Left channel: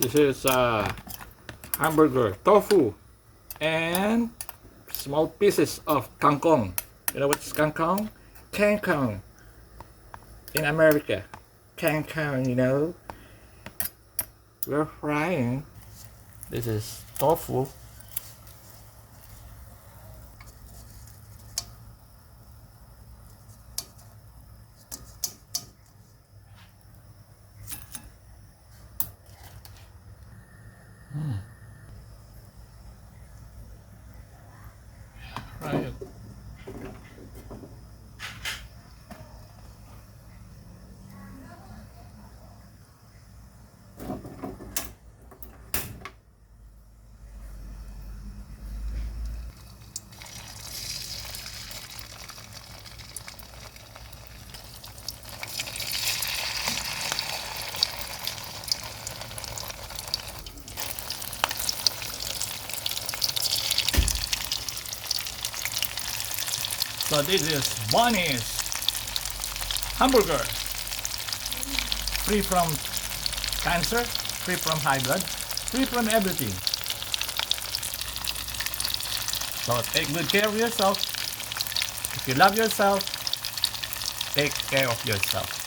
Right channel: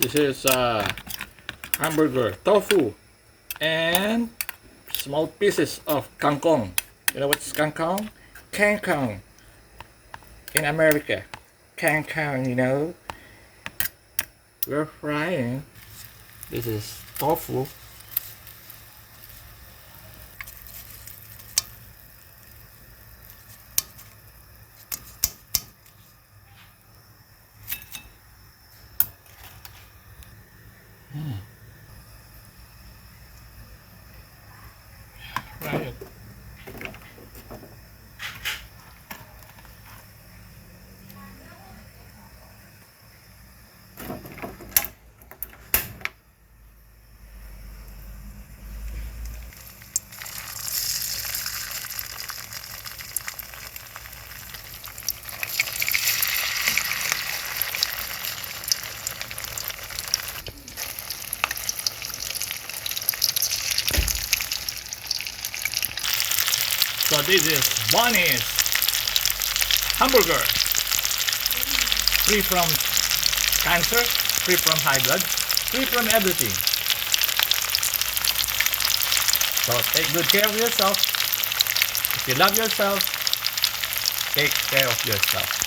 This is hamburger, tofu, and small pieces of kangkong. You know what's kangkong? Kangkong in America. Kangkong, you know. We're frying. This is tofu. Fry it. So this is Boni's hamburger, free from cancer, free from high blood, free from everything. So take good care of yourself. If you love yourself, take care of yourself.